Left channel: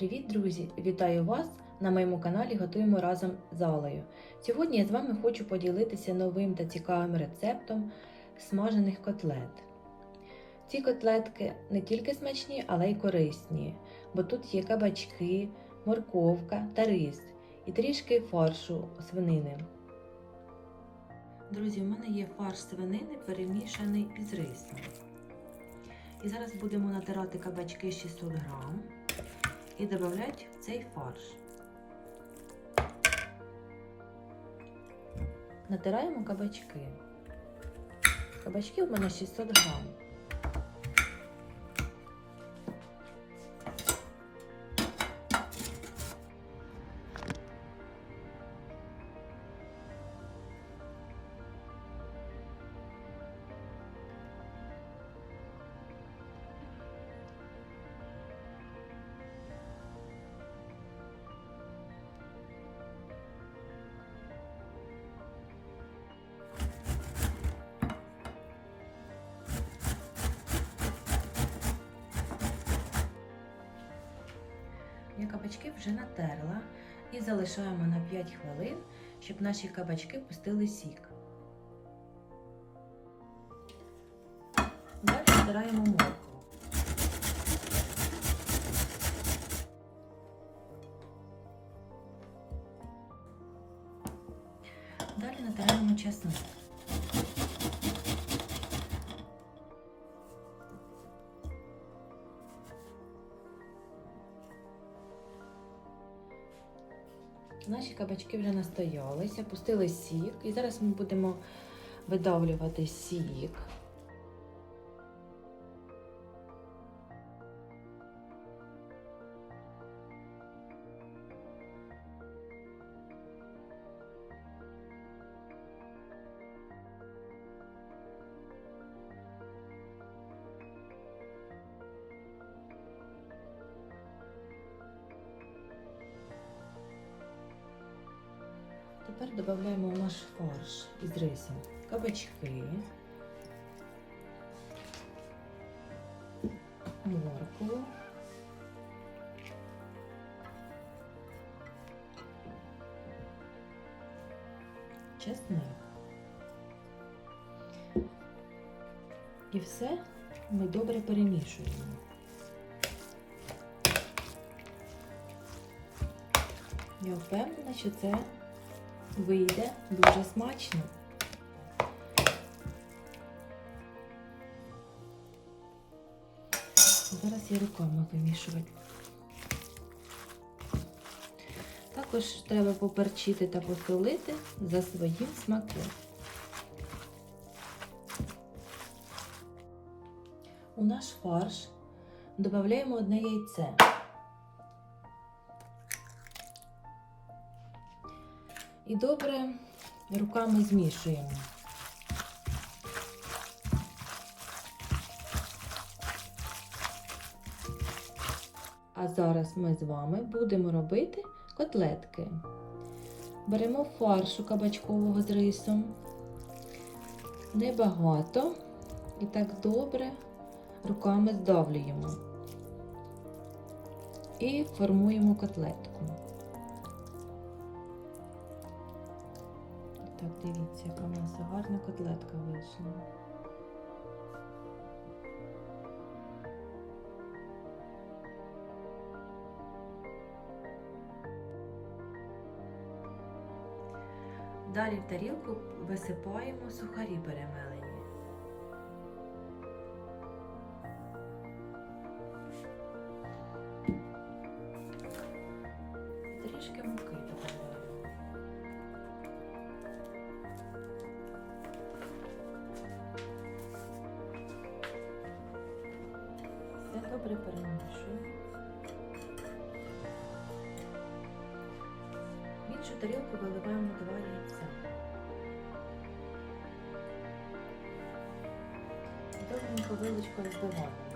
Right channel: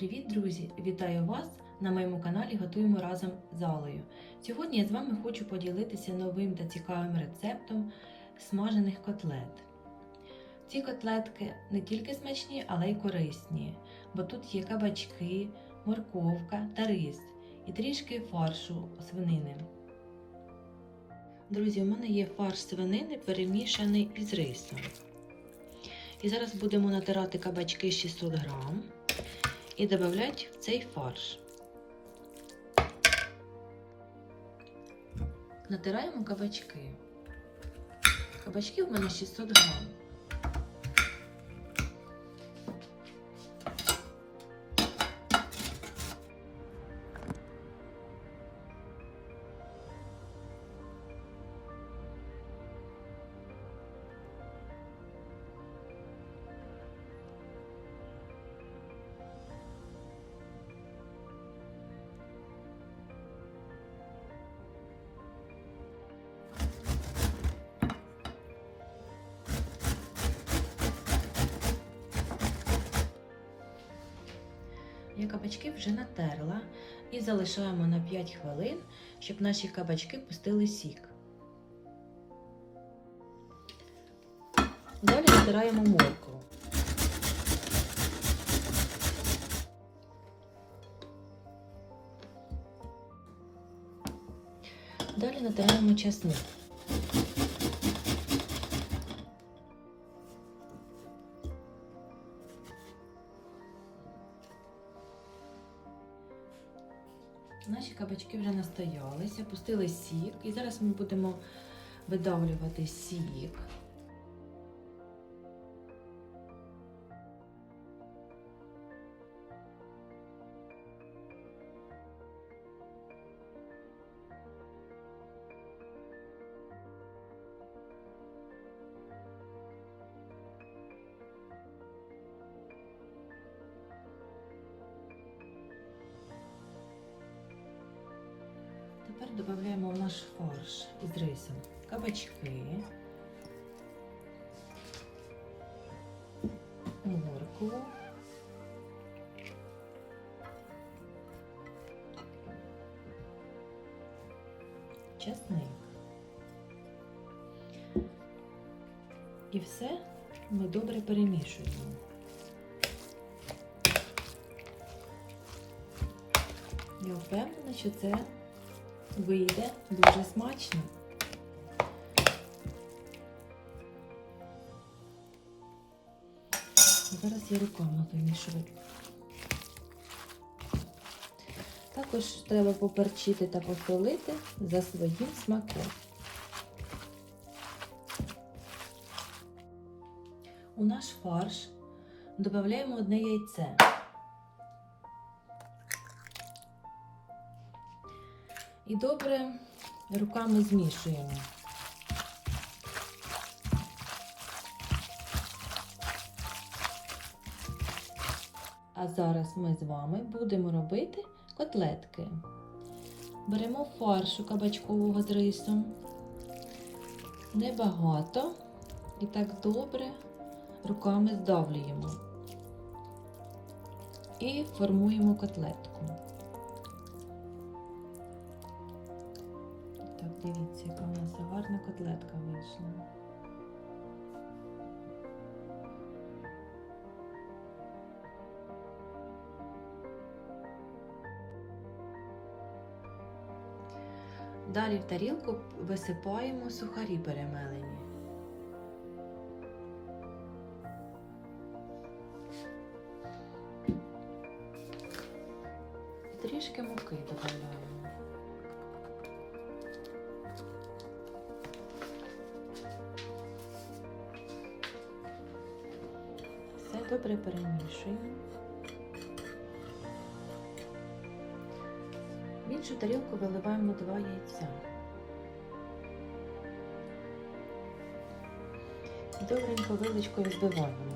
Привіт, друзі! Вітаю вас на моєму каналі Готуємо разом з Алею. Сьогодні я з вами хочу поділитися новим та цікавим рецептом смажених котлет. Ці котлетки не тільки смачні, але й корисні, бо тут є кабачки, морковка та рис і трішки фаршу свинини. Друзі, у мене є фарш свинини перемішаний із рисом. І зараз будемо натирати кабачки 600 грам і додати в цей фарш. Натираємо кабачки. Кабачки в мене 600 грам. Я кабачки вже натерла і залишаємо на 5 хвилин, щоб наші кабачки пустили сік. Далі натираємо моркву. Далі натираємо чесник. Наші кабачки вже настоялися, пустили сік, і зараз ми будемо видавлювати сік. Тепер додаємо в наш фарш із рисом кабачки, моркву, чесник. І все ми добре перемішуємо. Я впевнена, що це вийде дуже смачно. Зараз я руками вимішувати. Також треба поперчити та посолити за своїм смаком. У наш фарш додаємо одне яйце. І добре руками змішуємо. А зараз ми з вами будемо робити котлетки. Беремо фаршу кабачкового з рисом. Небагато. І так добре руками здавлюємо. І формуємо котлетку. Дивіться, яка у нас гарна котлетка вийшла. Далі в тарілку висипаємо сухарі перемелені. Трішки муки додаємо. Добре перемішуємо. В іншу тарілку виливаємо два яйця. Добренько виличкою збиваємо.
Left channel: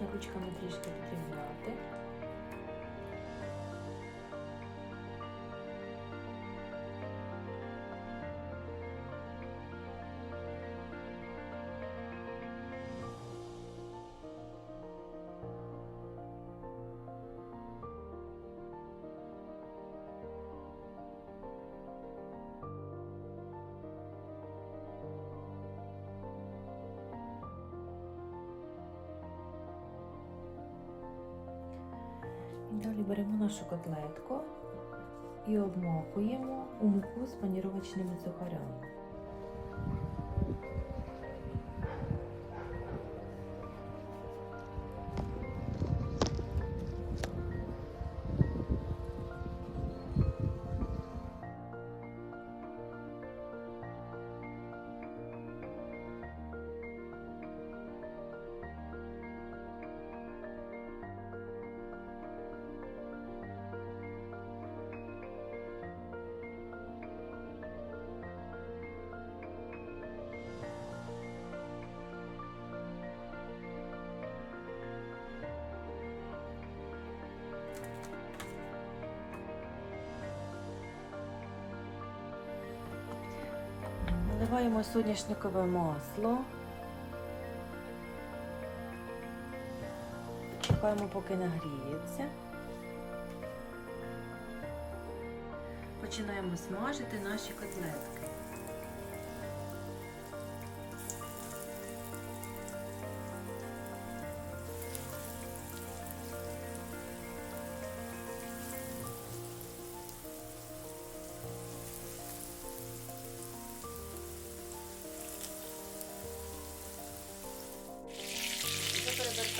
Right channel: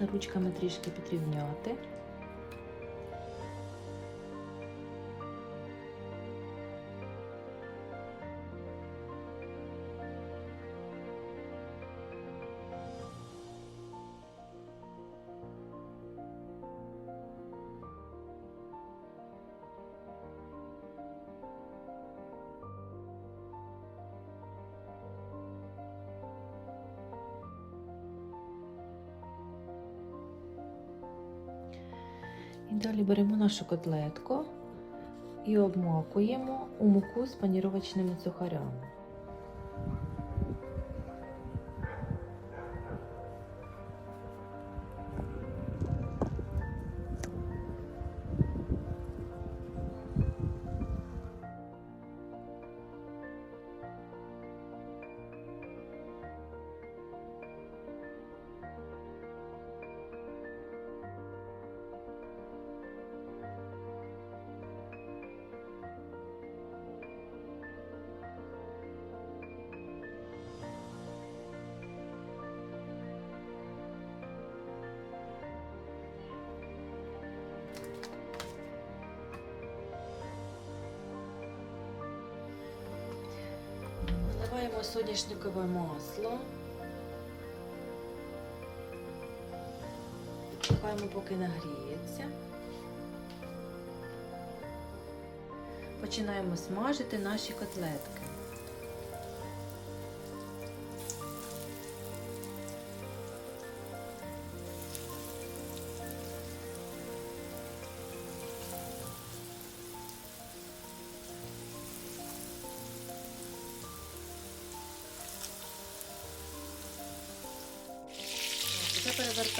Можна ручками трішки підрівняти. Далі беремо нашу котлетку і обмакуємо у муку з паніровочними сухарями. Наливаємо соняшникове масло. Чекаємо, поки нагріється. Починаємо смажити наші котлетки.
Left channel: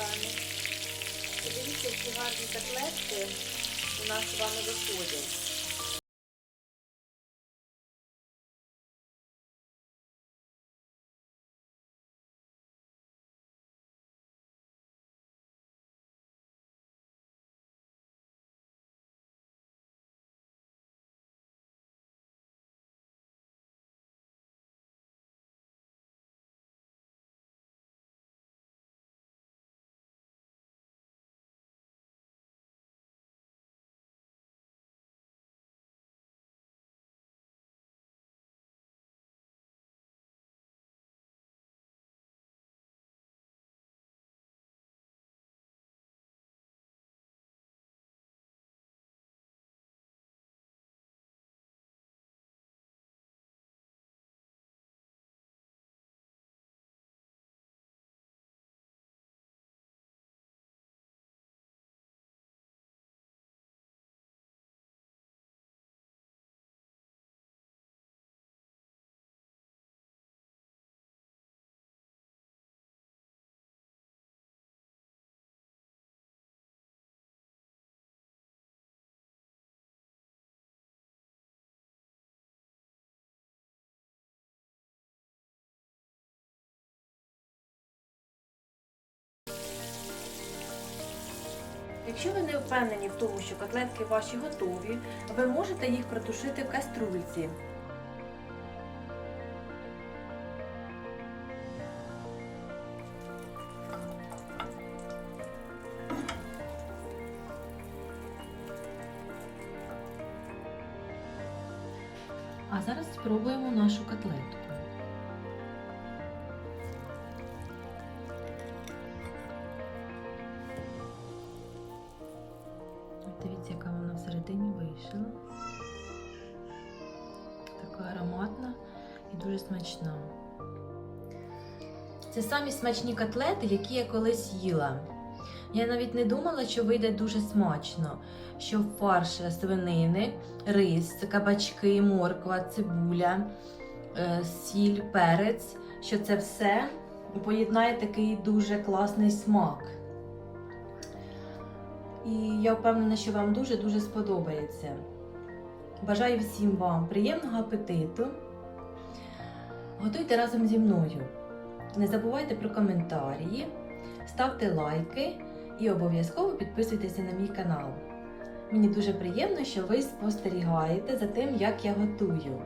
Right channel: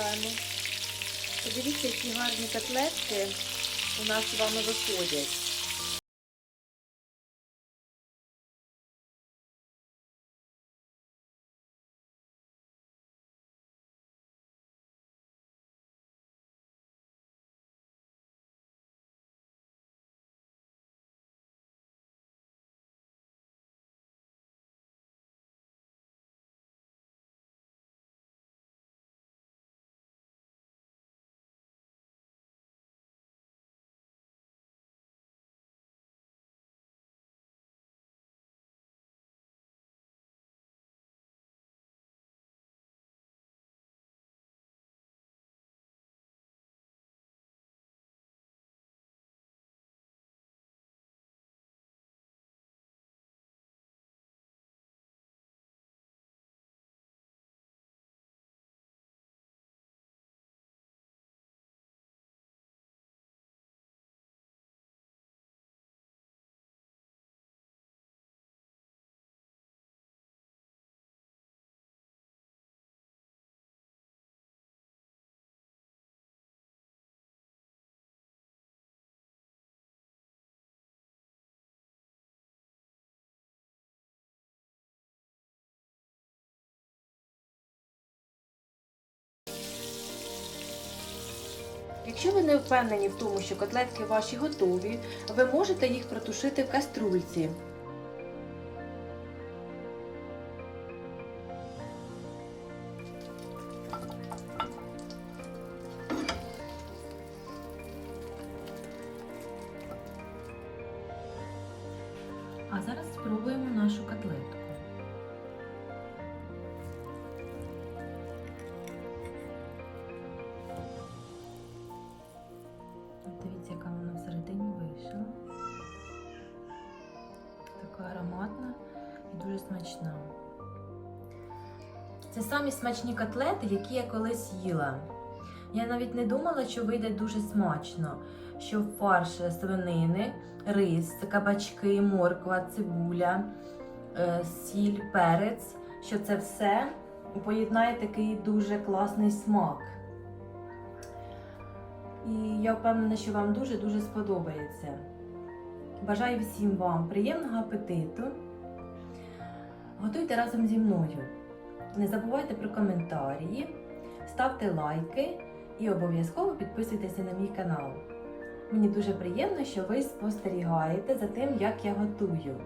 Перевертаємо. Подивіться, які гарні котлетки у нас з вами виходять. Якщо ви не впевнені в тому, що котлетки ваші готові, ви можете їх протушити в каструльці. Дивіться, яка вона всередині вийшла. Така ароматна і дуже смачна. Це самі смачні котлети, які я колись їла. Я навіть не думала, що вийде дуже смачно, що фарш свинини, рис, кабачки, морква, цибуля, е, сіль, перець, що це все поєднає такий дуже класний смак. І я впевнена, що вам дуже-дуже сподобається. Бажаю всім вам приємного апетиту. Готуйте разом зі мною. Не забувайте про коментарі, ставте лайки і обов'язково підписуйтеся на мій канал. Мені дуже приємно, що ви спостерігаєте за тим, як я готую.